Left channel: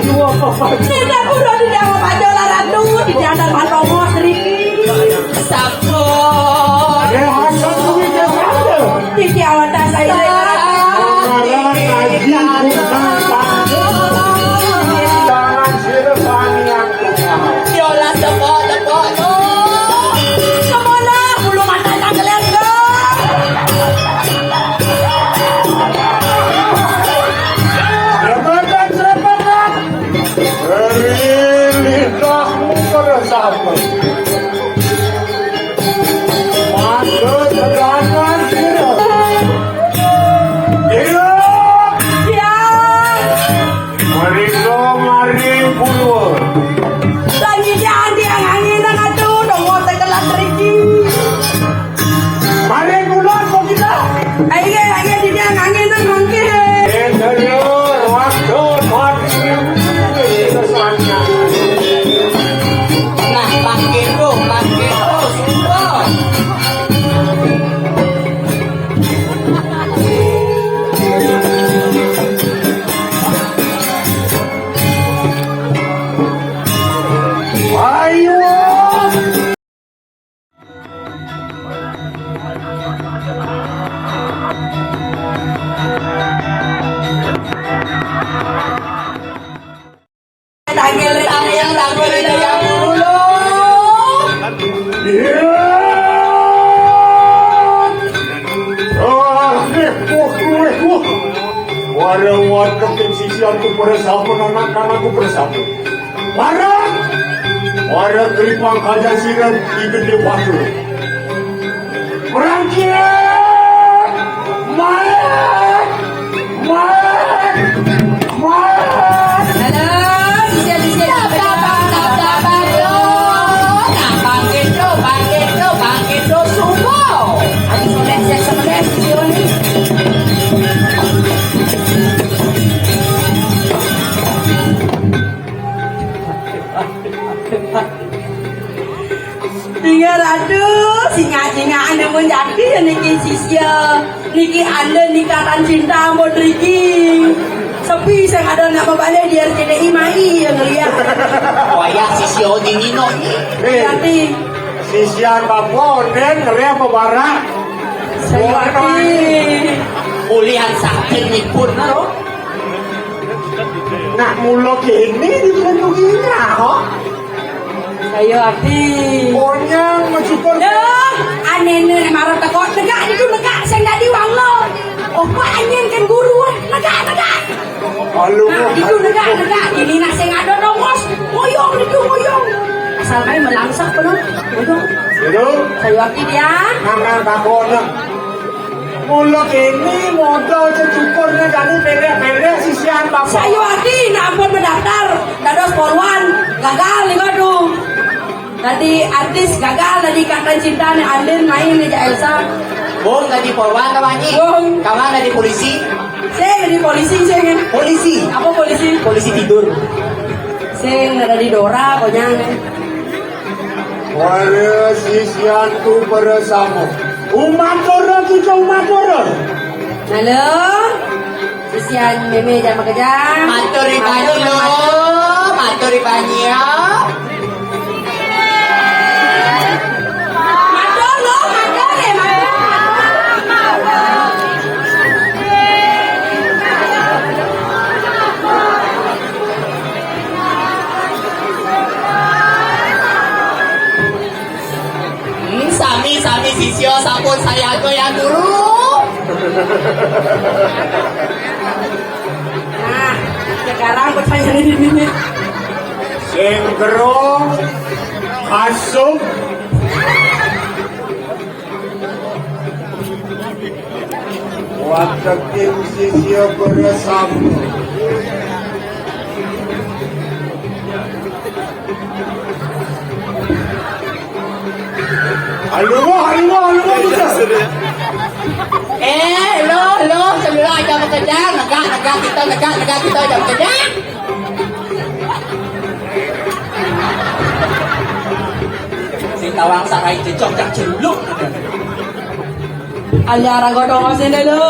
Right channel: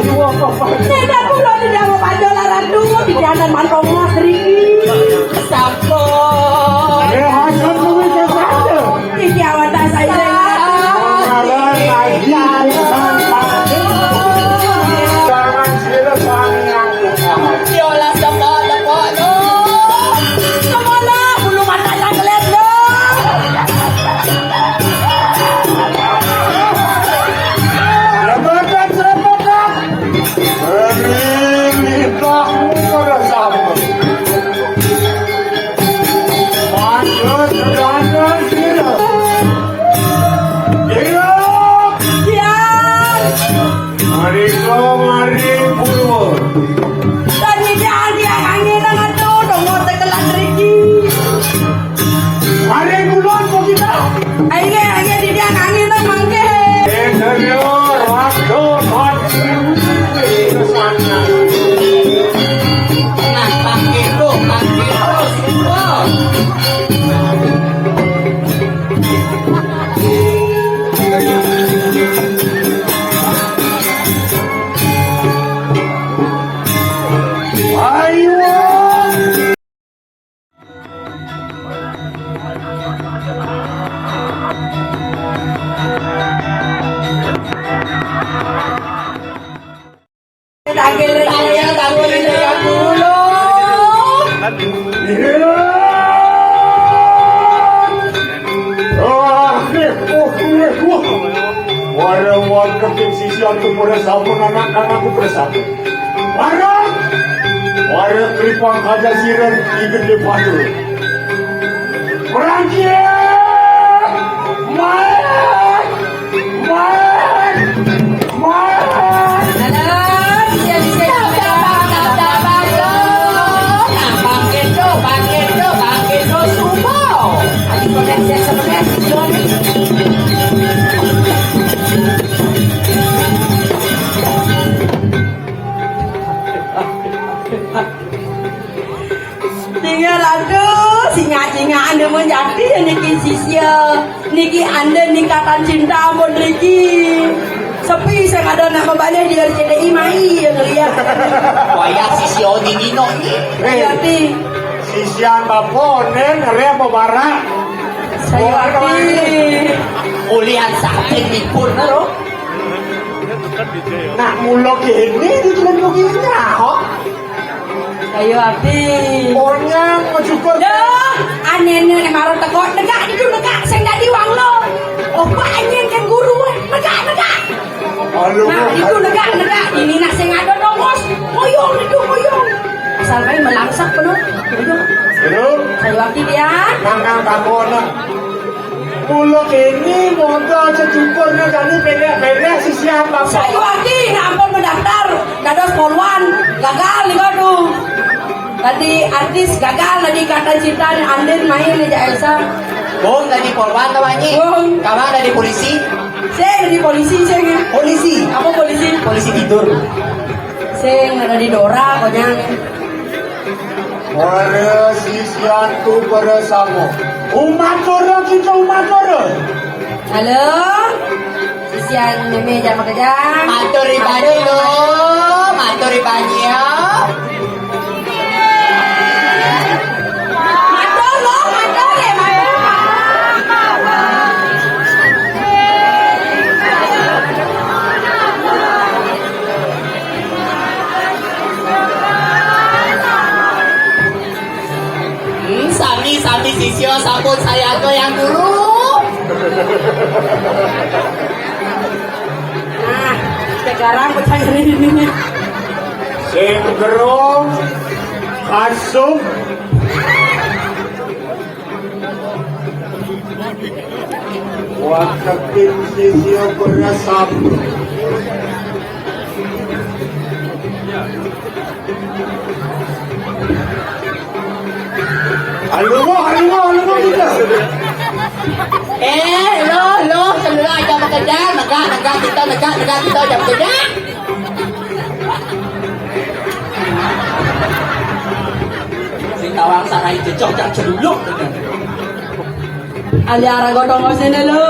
Tidak pulau di dalam pajola ratu di dalam mantongo seriki. Sampun. Iki awak tak saya warga sisi aku bersama anak-anakku bersama. Warga Ipang Kaja Sinan ikut di Batu. Berangkat, mayat. Tinggal aduh, singa-singa anda menjadi niki sisya, niki anda nikatan cinta mau niki. Sepi saya ada nak balik dia CDI mai yang lihat. Waya sisya dinino ni. Berarti Sisian bapo neng rea pabara. saya ngerti. Ulian sakit ni pun lo. Nak mulo kini di jalan begini ho. Saya ngerti. Pokoknya mau cukup. Dah, aneh-aneh marah takut negak itu negak saya dah diwang lo. Oh banyak kan guru negak. Halo. Nah itu negak. Ini nak saya ada nongos. Moyong itu moyong. Asal main melangsak penuh. Udah. Halo. Saya ngerti dia. Nang kampung. Mulo kini modal secukur nih kami beda sisian bapo. Saya ngerti nak ampun mendaftar. Gados polwan gagal nih aduh. Tadi artis gagal tadi kata cinta nih Andin main nih Elsa. Oh, dari polwan kawan ni. Kawan dari polisi. Saya dari polisi saya. Polisi. Apa polisi? Polisi tidur. Saya dari Dora pokoknya. Warga sisian tu bersama. Umat Doro kita umat Doro. Halo. Kesian meme jam kerja. Matur ibani lo. Matur ibani ya. Matur lo, matur ya. Sami sisyo sampun saya yang dulu. Nah, sekarang pertanyaan ini. Singkro Asum Wakatin sisya bersama. Halo bisa. Lo, semula jam kerja, negak kita jam kerja. Sing tawang sanai cecok jam celuluk. Alyara godong masih dulu.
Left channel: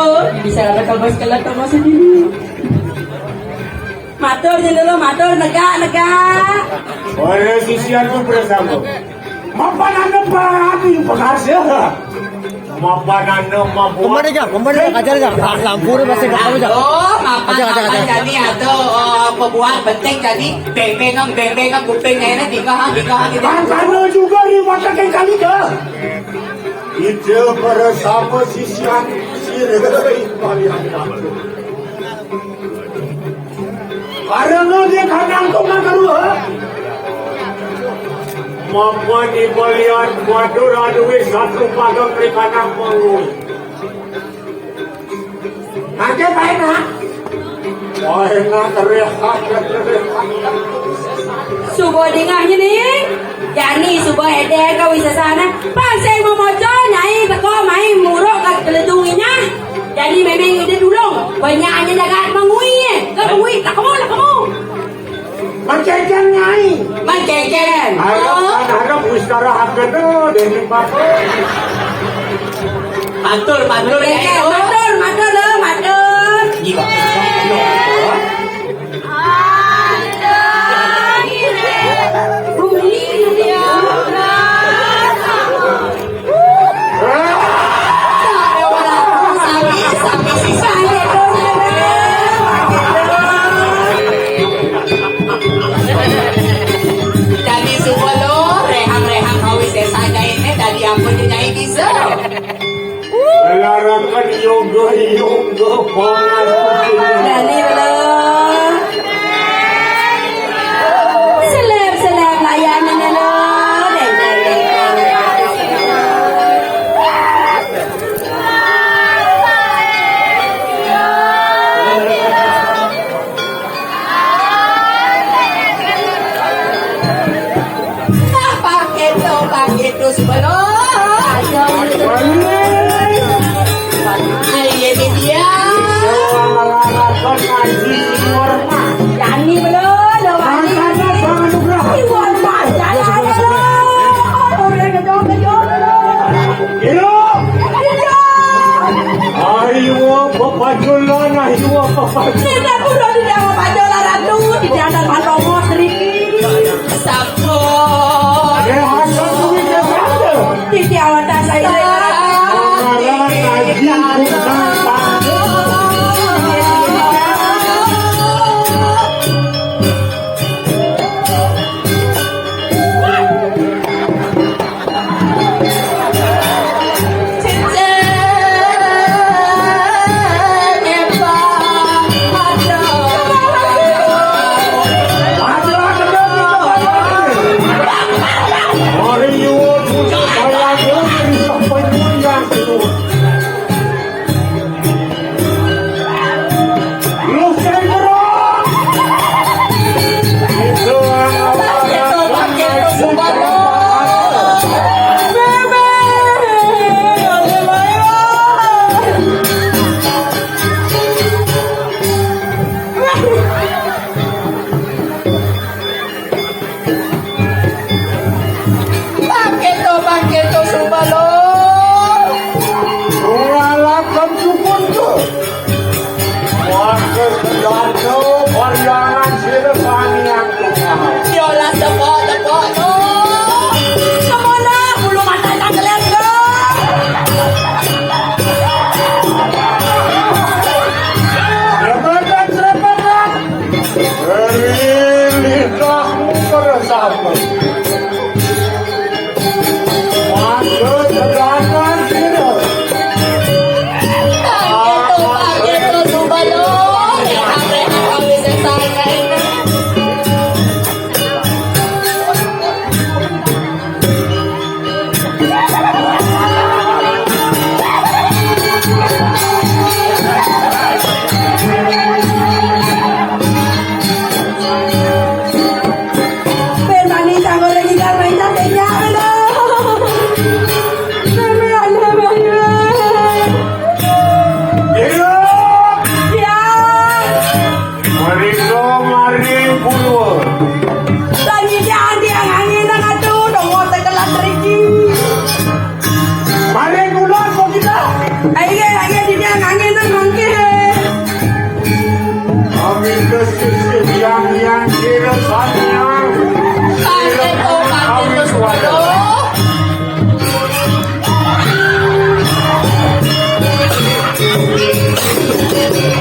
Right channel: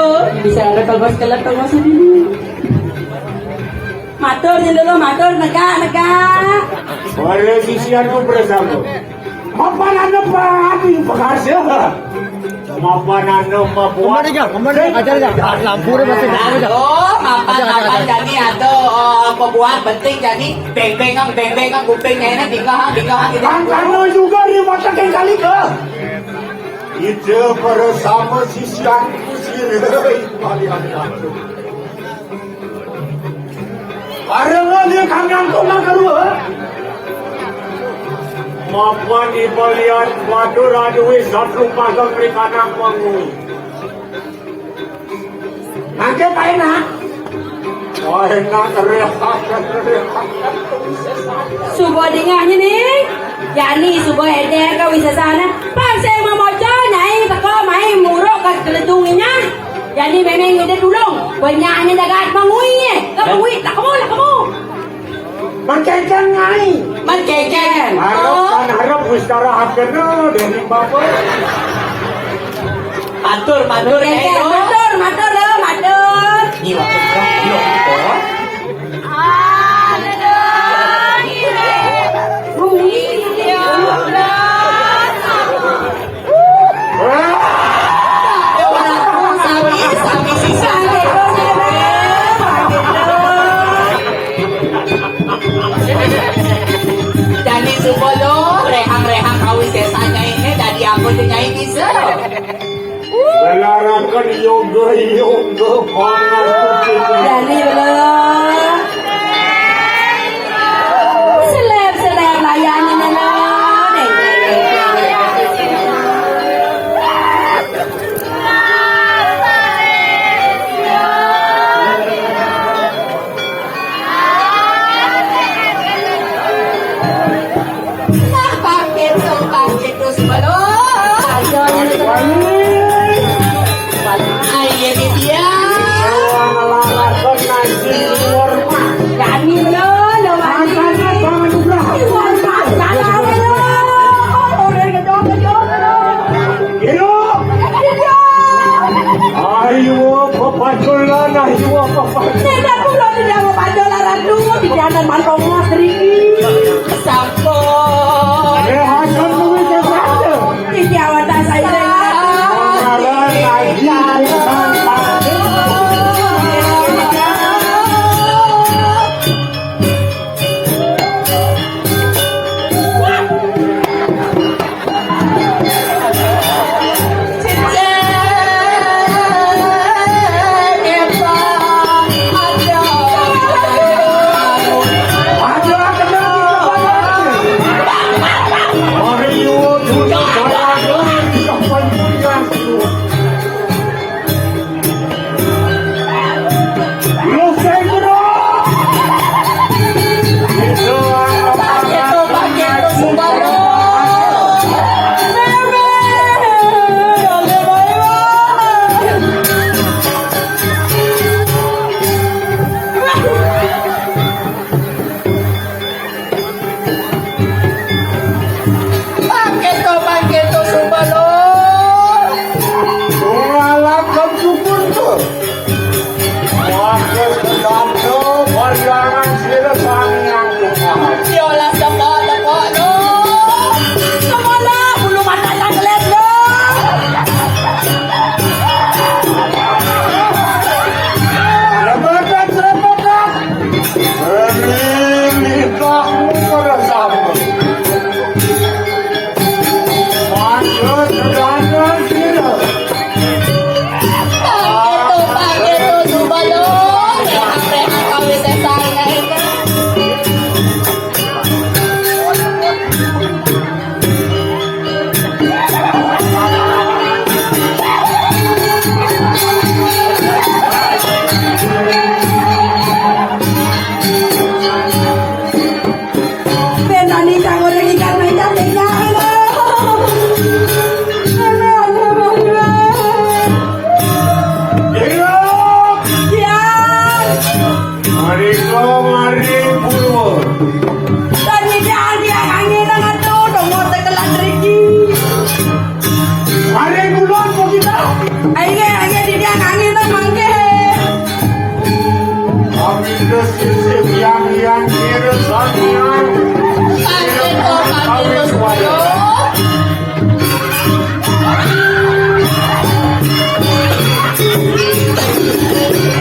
Bisa ada kabar kelat masih dulu. matur dulu matur negak. Oleh sisian tuh bersama. Mapanan apa yang penghasil? Mapanan apa buat? Mapan kami atau pembuat penting jadi beng-bengang kupingnya ini tinggal gitu. Karena juga dimakan kali ke. Itu bersama sisian sirih balian waktu. Karena dia kadang kau kedua. Mapa di balian waktu radui satu pagang di kadang mangui. Angkat aina. Wah, enggak teriak. Subuh dengahnya nih. Yani subuh ede kau bisa sana. Pasai mau mojo nyai teko main muruk ke keledunginya. Jadi memang ide dulung. Banyaknya jaga mengui. Mengui tak kamu. Mencecen ngai. Mencecen. Harap istirahat dulu dari batu. Matur Matur lo matur. Jiwa. Jadi semua lo reham kau sesanya ini dari aku nyai bisa. Melarakan yoga Jadi lo. Selem layanan lo. Pakai itu semua lo. Ayo dia. Yani lo. Ayo, papaculan, ayo, papaculan. Tidak perlu tidak mau pajola ratu. Tidak ada mantau seriki. Sapo. Tidak awak saya.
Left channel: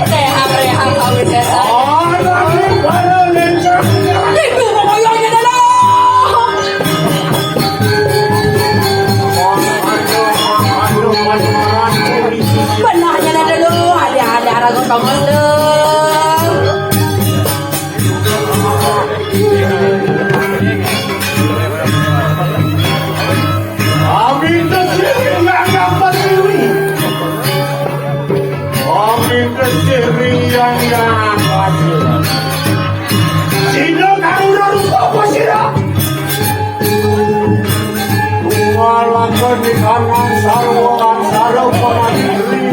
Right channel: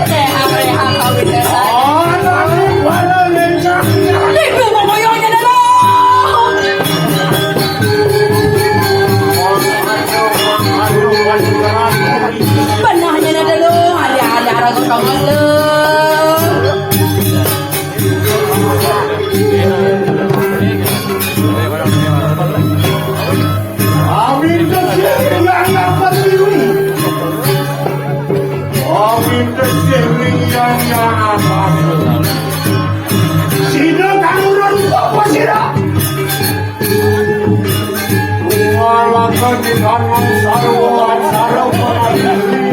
Rehang kawin setan. Itu pokoknya dong. Benarnya ada dulu, ada ragu tombol dulu. Amin kesini yang berdiri. Amin kesini yang berdiri. Tidak ada apa tidak. Malam di tangan sarwan sarwan ini.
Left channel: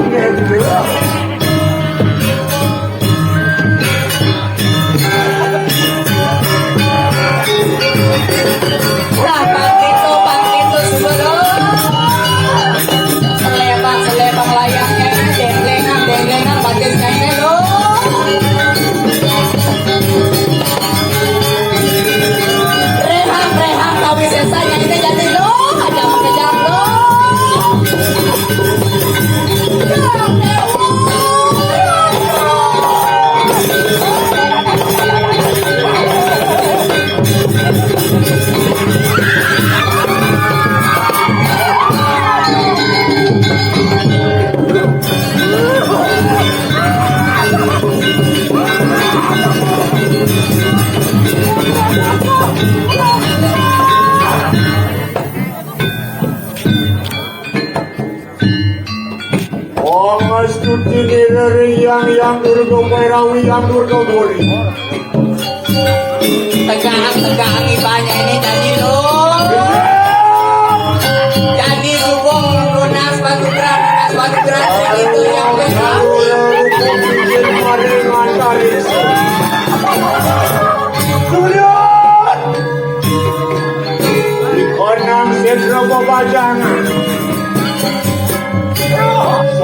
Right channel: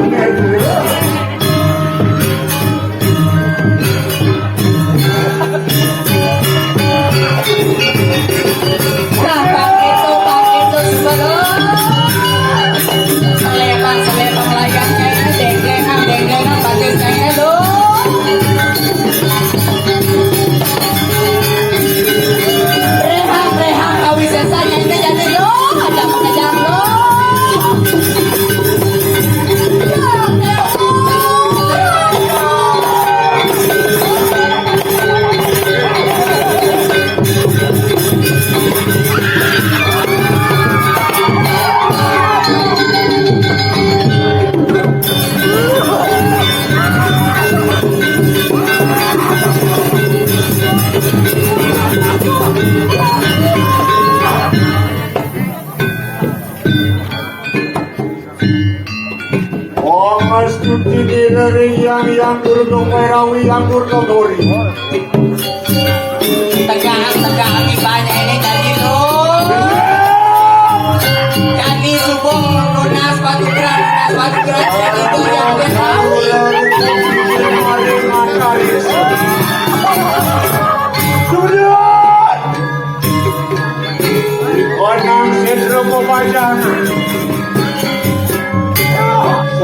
Nah, pakai itu sebelum selebang layaknya ini denglengan bajunya dong. Rehang kawin setan yang ini jadi dong, ada mengejar dong. Omas tutti direi yang berdongerawi yang berdongori. Tegang ibanya ini jadi dong. Jadi subur lunas batu keras itu yang besar. Sudah. Di konang sesro babajan.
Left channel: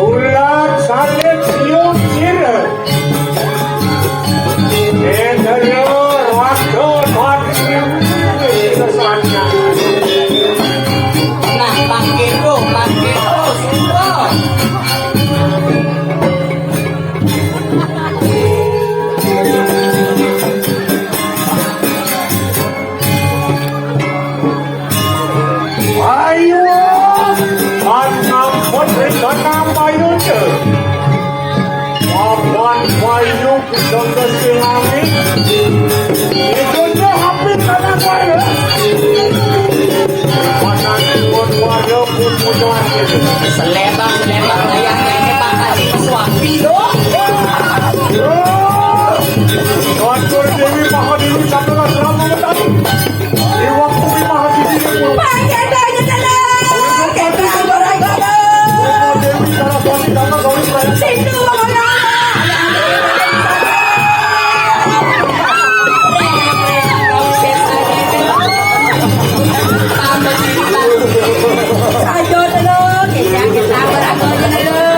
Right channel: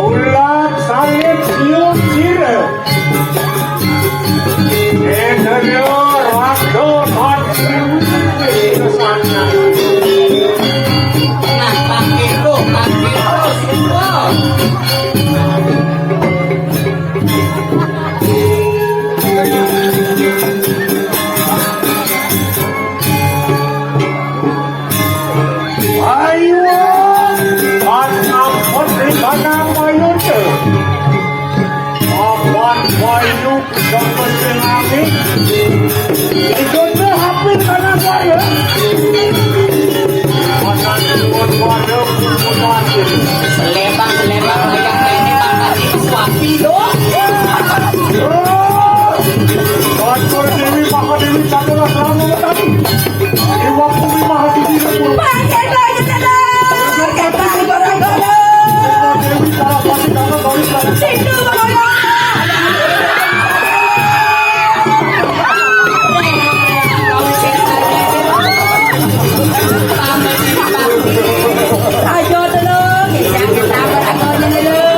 Ulat sangit siung sira. Enero rakto rakto. Nah, pakai terus semua. Ayo, anak putri tanah payute. Akan payu kesana silami. Ikuti hati tanah payu. Akan ikut payu kemudian. Selebang layaknya ini mana disuapi dong. Kantor Dewi Mahadewi Chandra Pranowo. Dewa Bumi Mahadidi Purba. Pakai dari sana. Kakak barang-barang. Dewi Saraswati Dana Gauri Pranowo. Itu pokoknya. Kawin setan ini dong. Sama ini Pak. Ayo dulu, kita beragonya dulu.